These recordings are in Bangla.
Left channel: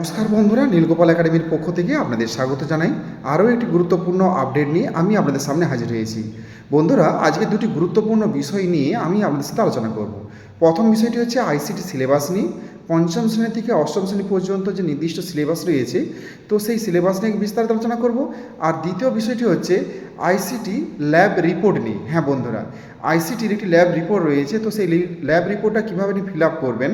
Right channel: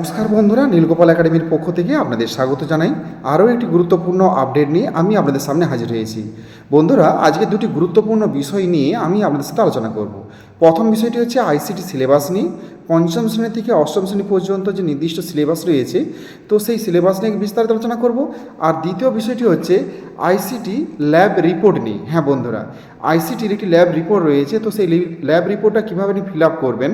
নমস্কার বন্ধুরা, নীলগোপাল একাডেমির পক্ষ থেকে আপনাদের স্বাগত জানাই। আরও একটি গুরুত্বপূর্ণ আপডেট নিয়ে আমি আপনাদের সামনে হাজির হয়েছি। বন্ধুরা, আজকে দুটি গুরুত্বপূর্ণ বিষয় নিয়ে আমি আপনাদের সাথে আলোচনা করব। প্রথম বিষয়টি হচ্ছে আইসিটি সিলেবাস নিয়ে। পঞ্চম শ্রেণি থেকে অষ্টম শ্রেণি পর্যন্ত যে নির্দিষ্ট সিলেবাস রয়েছে, তো সেই সিলেবাস নিয়ে বিস্তারিত আলোচনা করব। আর দ্বিতীয় বিষয়টি হচ্ছে আইসিটি ল্যাব রিপোর্ট নিয়ে। হ্যাঁ বন্ধুরা, আইসিটির একটি ল্যাব রিপোর্ট রয়েছে, তো সেই ল্যাব রিপোর্টটা কীভাবে আপনি ফিল আপ করবেন?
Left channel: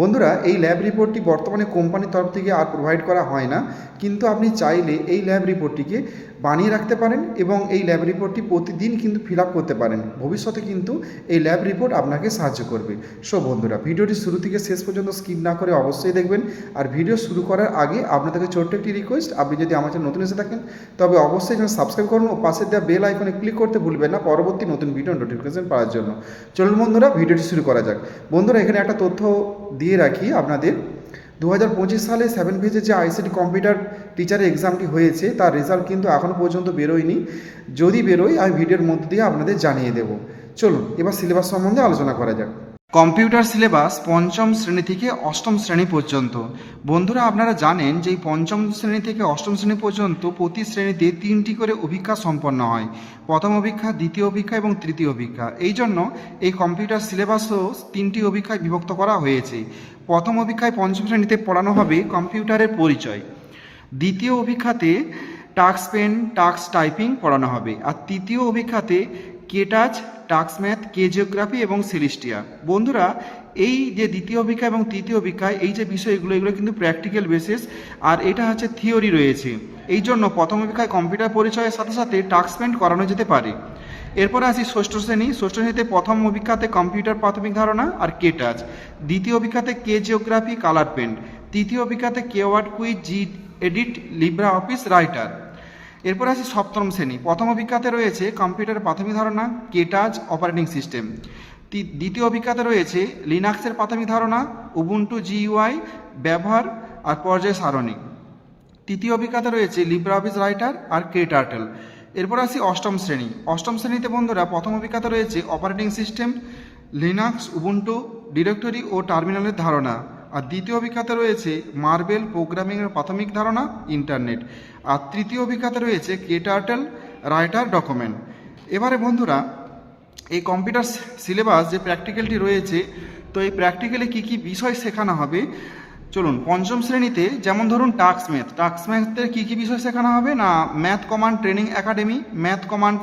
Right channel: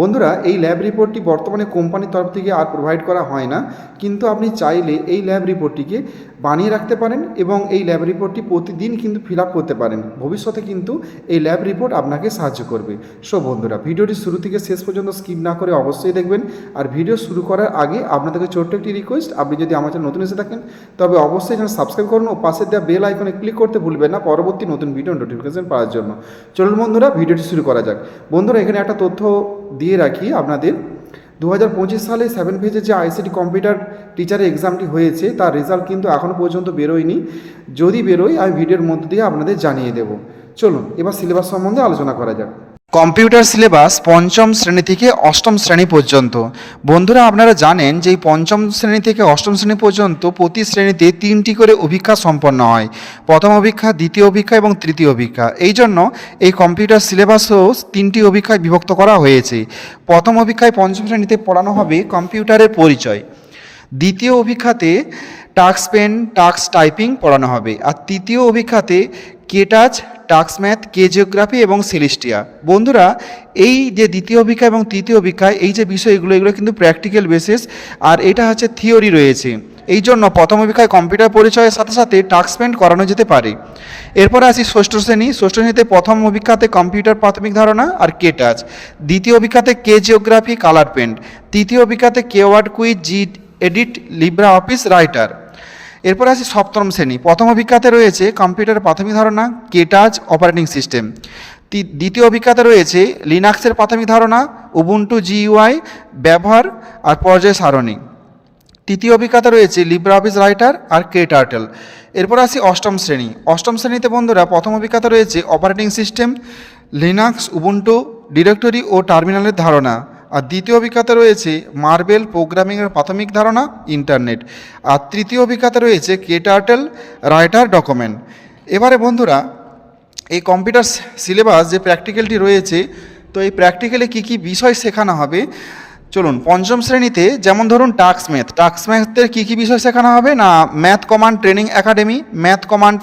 বন্ধুরা, এই ল্যাব রিপোর্টটি বর্তমানে কোম্পানির তরফ থেকে আর প্রোভাইড করা হয় না, কিন্তু আপনি চাইলে এই ল্যাব রিপোর্টটিকে বানিয়ে রাখতে পারেন এবং এই ল্যাব রিপোর্টটি প্রতিদিন কিন্তু ফিল আপ করতে পারেন। ভবিষ্যতে কিন্তু এই ল্যাব রিপোর্ট আপনাকে সাহায্য করবে। সো বন্ধুরা, ভিডিওটি শুরু থেকে শেষ পর্যন্ত স্কিপ না করে অবশ্যই দেখবেন। আর ভিডিও শুরু করার আগে আপনাদেরকে ছোট্ট একটি রিকোয়েস্ট আপনি যদি আমার চ্যানেল নতুন এসে থাকেন, তবে অবশ্যই চ্যানেল সাবস্ক্রাইব করুন ও পাশে দেওয়া বেল আইকনে ক্লিক করতে ভুলবেন না পরবর্তী নতুন ভিডিও নোটিফিকেশন পাওয়ার জন্য। চলুন বন্ধুরা, ভিডিওটি শুরু করা যাক। বন্ধুরা, এখানে একটা তথ্য দিয়ে রাখি আপনাদের। দু হাজার পঁচিশ সালে সেভেন ফেজে যে আইসিটি কম্পিউটার টিচারের এক্সামটি হয়েছে, তার রেজাল্ট কিন্তু এখনও পর্যন্ত বেরোয়নি। যদি বেরোয়, আমি ভিডিওর মধ্য দিয়ে আপনাদের জানিয়ে দেব। চলুন, এবার সিলেবাস সম্বন্ধে আলোচনা করা যাক। কম্পিউটার সিলেবাস পঞ্চম শ্রেণি থেকে অষ্টম শ্রেণি পর্যন্ত। বন্ধুরা, আপনারা জানেন যে পঞ্চম শ্রেণি থেকে অষ্টম শ্রেণি পর্যন্ত প্রতি শ্রেণীতে তিনটি করে অভিক্ষা সম্পন্ন হয়। প্রথম অভিক্ষা, দ্বিতীয় অভিক্ষা এবং তৃতীয় অভিক্ষা। এই জন্য এই কম্পিউটার সিলেবাসও তিনটি অভিক্ষায় বিভক্ত করা হয়েছে। প্রথম অভিক্ষায় পঞ্চম শ্রেণীতে পড়ানো হবে কম্পিউটারের পরিচয়। দ্বিতীয় অভিক্ষাতে টাক্স পেন টাক্স টাইপিং পড়ানো হবে। আর তৃতীয় অভিক্ষাতে KTouch Tux math K geography এবং সেলিস্টিয়া। বন্ধুরা, এই যে দ্বিতীয় অভিক্ষা এবং তৃতীয় অভিক্ষায়, এই যে বিষয়গুলো, এগুলো এগুলো কিন্তু প্র্যাকটিক্যাল বেসিস আর এটা হচ্ছে থিওরি রয়েছে। এই জন্য প্রথম অভিক্ষায় কম্পিউটার পরিচয়ের সাথে সাথে টাক্স পেন্ট করানো যেতে পারে। এরপরে আসি ষষ্ঠ শ্রেণি। ষষ্ঠ শ্রেণীতে প্রথম অভিক্ষাতে কম্পিউটার প্রাথমিক ধারণা আর কে টাচ দ্বিতীয় অভিক্ষাতে কে জিওগ্রাফি কালার পেন্ট তৃতীয় অভিক্ষাতে K word quiz G edit Libre Office writer এরপরে আসি সপ্তম শ্রেণি। প্রথম অভিজ্ঞতা রয়েছে কম্পিউটার প্রাথমিক ধারণা কেটাজ অপারেটিং সিস্টেম। দ্বিতীয় অভিজ্ঞতা রয়েছে লিনাক্সের প্রাথমিক ধারণা, উবুন্টু জিইউআই ব্যবহার আর পর্যায় সারণী। তৃতীয় অভিজ্ঞতা রয়েছে লিব্রা অফিস রাইটার আর কে টার্টেল এরপর আসি অষ্টম শ্রেণি। অষ্টম শ্রেণীতে বন্ধুরা প্রথম অভিজ্ঞতা রয়েছে operating system, Linux, Ubuntu, directory ও টার্মিনালের ধারণা। আর দ্বিতীয় অভিজ্ঞতা রয়েছে মার্বেল প্রোগ্রামিংয়ের প্রাথমিক ধারণা, ইন্টারনেট। আর তৃতীয় অভিজ্ঞতা রয়েছে কে টার্টেল রাইটার ডকুমেন্ট। এবারে বন্ধুরা, এই কম্পিউটার সিলেবাস যে প্র্যাকটিক্যালটি রয়েছে, তো এই প্র্যাকটিক্যালে কী কী বিষয় শেখানো হবে? চলুন, পঞ্চম শ্রেণীতে যেমন ধরুন টাক্স ম্যাথ। টাক্স ম্যাথের কী কী বিষয় শেখানো হবে? না, math command training academy, math command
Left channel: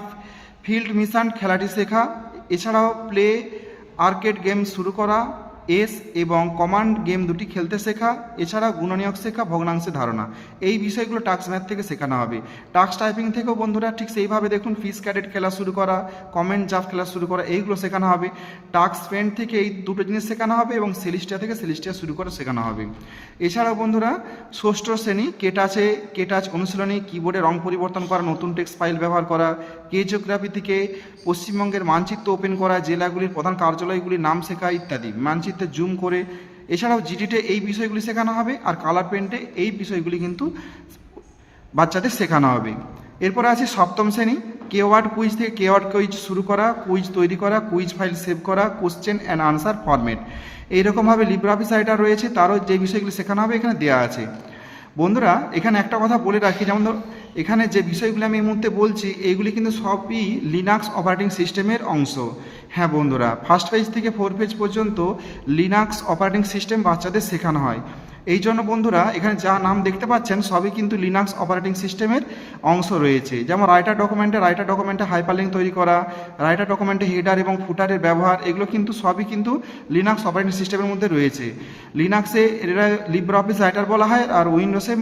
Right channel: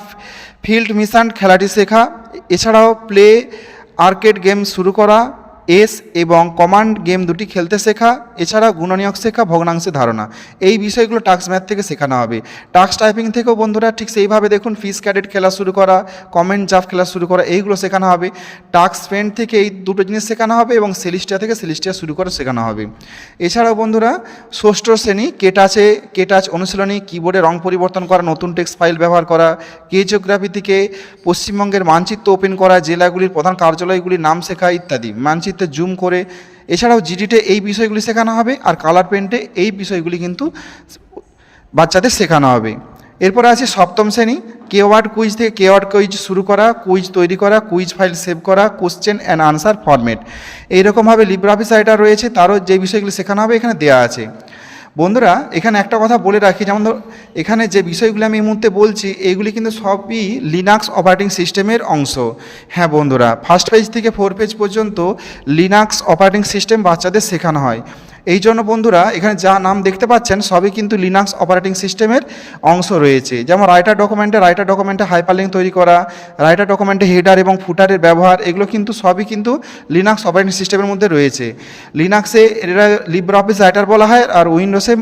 field mission খেলাটি শেখা, এছাড়াও প্লে, আর্কেড গেম শুরু করা এস এবং কমান্ড গেম দুটি খেলতে শেখা এছাড়া গুণনীয়ক শেখা, ভগ্নাংশে ধারণা। এই বিষয়গুলো টাক্স ম্যাথ থেকে শেখানো হবে। টাক্স টাইপিং থেকেও বন্ধুরা ঠিক সেইভাবে দেখুন, ফিস ক্যাডেট খেলা শুরু করা, কমেন্ট জাফ খেলা শুরু করা, এইগুলো শেখানো হবে। টাক্স পেন্ট থেকে এই দুটো জিনিস শেখানো হবে এবং সেলিস্টিয়া থেকে সেলিস্টিয়া শুরু করে শেখানো হবে। এছাড়াও বন্ধুরা, ষষ্ঠ শ্রেণি, কেটাচে কেটাচ অনুশীলনী কিবোর্ডে রং পরিবর্তন করা, নতুন টেক্সট ফাইল ব্যবহার করা কে জিওগ্রাফি থেকে পশ্চিমবঙ্গের মানচিত্র ওপেন করা, জেলাগুলির প্রধান কার্যালয়গুলির নাম শেখা ইত্যাদি। মানচিত্রে জুম করে, এছাড়াও জিডিতে এই বিষয়গুলি শেখানো হবে আর কালার পেন্টে এই বিষয়গুলি কিন্তু বাচ্চাদের শেখানো হবে। এরপরে আছে সপ্তম শ্রেণি কেওয়ার্ড কুইজ থেকে কেওয়ার্ড কুইজ শুরু করা কুইজ তৈরি করা কুইজ ফাইল সেভ করা কোশ্চেন অ্যান্ড আনসার ফরম্যাট এইরকমভাবে লিব্রাফিস রাইটার রয়েছে, তারও যে বিষয়গুলি শেখানো হবে এখানে দেওয়া আছে। বন্ধুরা, এখানে একটা কথা বলে রাখি, যেমন ধর, এখানে যে বিষয়গুলি আমি এই মুহূর্তে বলছি এইগুলি কিন্তু সবই লিনাক্স অপারেটিং সিস্টেমের অংশ। হ্যাঁ বন্ধুরা ফার্স্ট পেজ থেকে ফোর পেজ পর্যন্ত লিনাক্স অপারেটিং সিস্টেম বাচ্চাদের শেখানো হয়। এই জন্য বন্ধুরা, এখানে যা নাম দেখতে পাচ্ছেন, সবই কিন্তু লিনাক্স অপারেটিং সিস্টেমের অংশ রয়েছে। যেমন রাইটার ডকুমেন্টে রাইটার ডকুমেন্টে হাইপারলিঙ্ক তৈরি করা রাইটার ডকুমেন্টে হেডার এবং ফুটারের ব্যবহার, এগুলো কিন্তু সবই কিন্তু লিনাক্স অপারেটিং সিস্টেমের মধ্যে রয়েছে। লিনাক্সে এরা লিব্রা অফিস রাইটার বলা হয়, আর উইন্ডোসে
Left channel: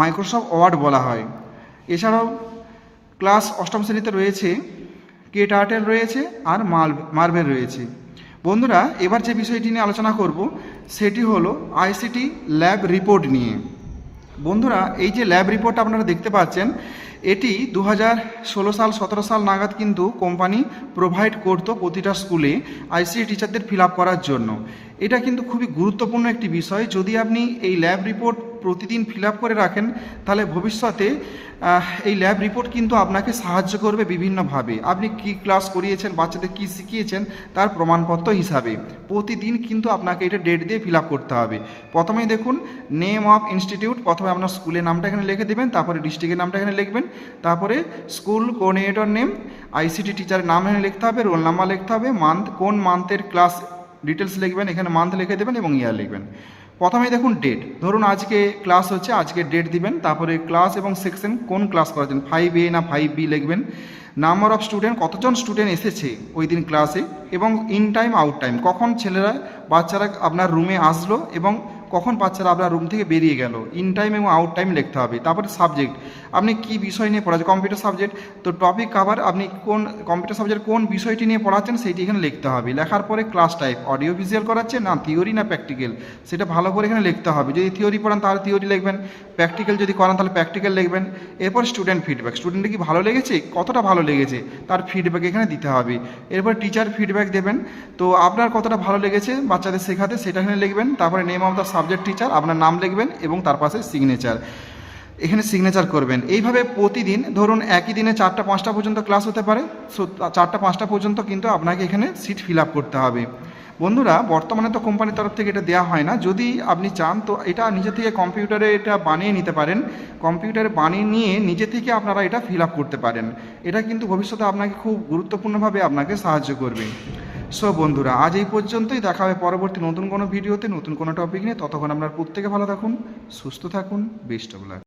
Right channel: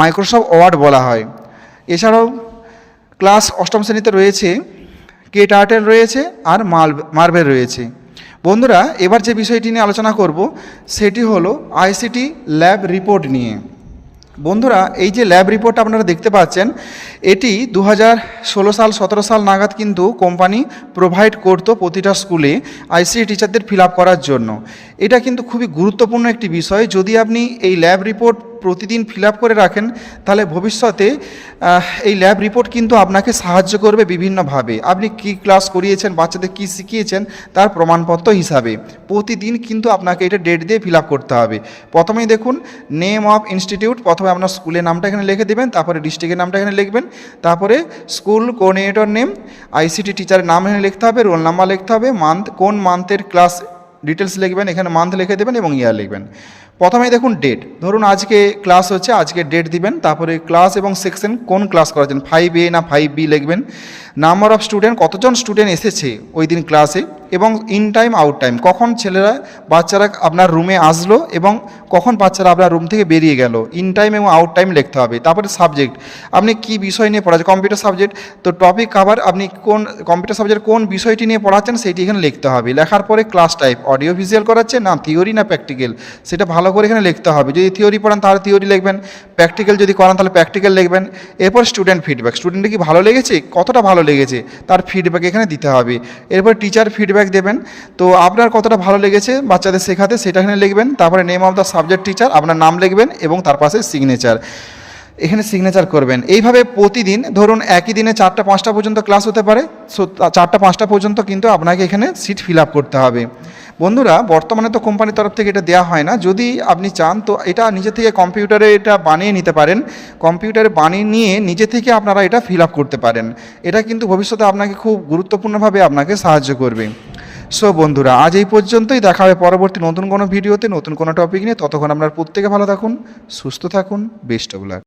মাইক্রোসফট ওয়ার্ড বলা হয়। এছাড়াও ক্লাস অষ্টম শ্রেণীতে রয়েছে কে টার্টেল রয়েছে, আর মার্বেল রয়েছে। বন্ধুরা, এবার যে বিষয়টি নিয়ে আলোচনা করব, সেটি হলো আইসিটি ল্যাব রিপোর্ট নিয়ে। বন্ধুরা, এই যে ল্যাব রিপোর্ট আপনারা দেখতে পাচ্ছেন, এটি দু ষোলো সাল, সতেরো সাল নাগাদ কিন্তু কোম্পানি প্রোভাইড করতো প্রতিটা স্কুলে আইসিটি টিচারদের ফিল করার জন্য। এটা কিন্তু খুবই গুরুত্বপূর্ণ একটি বিষয়। যদি আপনি এই ল্যাব রিপোর্ট প্রতিদিন ফিল করে রাখেন, তাহলে ভবিষ্যতে এই ল্যাব রিপোর্ট কিন্তু আপনাকে সাহায্য করবে বিভিন্নভাবে। আপনি কি ক্লাস করিয়েছেন, বাচ্চাদের কী শিখিয়েছেন, তার প্রমাণপত্র হিসাবে। প্রতিদিন কিন্তু আপনাকে এটা ডেট দিয়ে ফিল করতে হবে। প্রথমেই দেখুন, নেম অফ ইনস্টিটিউট, প্রথমে আপনার স্কুলের নামটা এখানে লিখে দেবেন, তারপরে ডিস্ট্রিক্টের নামটা এখানে লিখবেন, তারপরে স্কুল কোঅর্ডিনেটর নেম, আইসিটি টিচারের নাম এখানে লিখতে হবে, রোল নাম্বার লিখতে হবে, মান্থ, কোন মান্থের ক্লাস ডিটেলস লিখবেন, এখানে মান্থ লিখে দেবেন এবং ইয়ার লিখবেন। প্রথমে দেখুন ডেট ধরুন আজকে ক্লাস হচ্ছে, আজকে ডেট দিবেন, তারপরে ক্লাস এবং সেকশন কোন ক্লাস করাচ্ছেন? ফাইভ এ না ফাইভ বি লিখবেন? নাম্বার অফ স্টুডেন্ট কতজন স্টুডেন্ট এসেছে ওই দিন ক্লাসে এবং ইন টাইম আউট টাইম কখন ছেলেরা, বাচ্চারা আপনার রুমে আসলো এবং কখন বাচ্চারা আপনার রুম থেকে বেরিয়ে গেল? ইন টাইম এবং আউট টাইম লিখতে হবে। তারপরে সাবজেক্ট আপনি কি বিষয় নিয়ে পড়াচ্ছেন? কম্পিউটার সাবজেক্ট তো টপিক কাভার আপনি কোন কম্পিউটার সাবজেক্ট কোন বিষয়টি নিয়ে পড়াচ্ছেন সেইটি এখানে লিখতে হবে। লেখার পরে ক্লাস টাইপ অডিও ভিজুয়াল করাচ্ছে না থিওরি না প্র্যাকটিক্যাল সেটা ভালো করে এখানে লিখতে হবে। যদি থিওরি পড়ান তাহলে থিওরি লিখবেন প্র্যাকটিক্যাল যদি করান তাহলে প্র্যাকটিক্যাল লিখবেন। এরপর স্টুডেন্ট ফিডব্যাক স্টুডেন্টের কি ভালো লেগেছে? কতটা ভালো লেগেছে, তার ফিডব্যাক এখানে দিতে হবে। এরপর টিচার ফিডব্যাক দেবেন। তো আপনার কতটা ভালো লেগেছে বাচ্চাদের শেখাতে, সেটা এখানে লিখবেন। তারপরে name of the subject teacher আপনার নাম লিখবেন এবং তার পাশে সিগনেচার এখানে সিগনেচার করবেন। এইভাবে প্রতিদিন ধরুন একই দিনে চারটা, পাঁচটা পর্যন্ত ক্লাস হতে পারে। সো চারটা, পাঁচটা পর্যন্ত কিন্তু আপনাকে এখানে সিট ফিল আপ করতে হবে। বন্ধুরা, বর্তমানে তো কোম্পানির তরফ থেকে এটা দেওয়া হয় না। যদি আপনি চান, তো এটা নিজে থেকে কম্পিউটারে এটা বানিয়ে নিতে পারেন। কম্পিউটারে বানিয়ে নিয়ে নিজে থেকে আপনারা এটা ফিল আপ করতে পারেন। এটা কিন্তু ভবিষ্যতে আপনাকে খুব গুরুত্বপূর্ণভাবে আপনাকে সাহায্য করবে। সো বন্ধুরা, আজ এই পর্যন্তই। দেখা হবে পরবর্তী নতুন কোনো ভিডিওতে নতুন কোনো টপিক নিয়ে। ততক্ষণ আপনার প্রত্যেকে ভালো থাকুন, সুস্থ থাকুন বেস্ট অফ লাক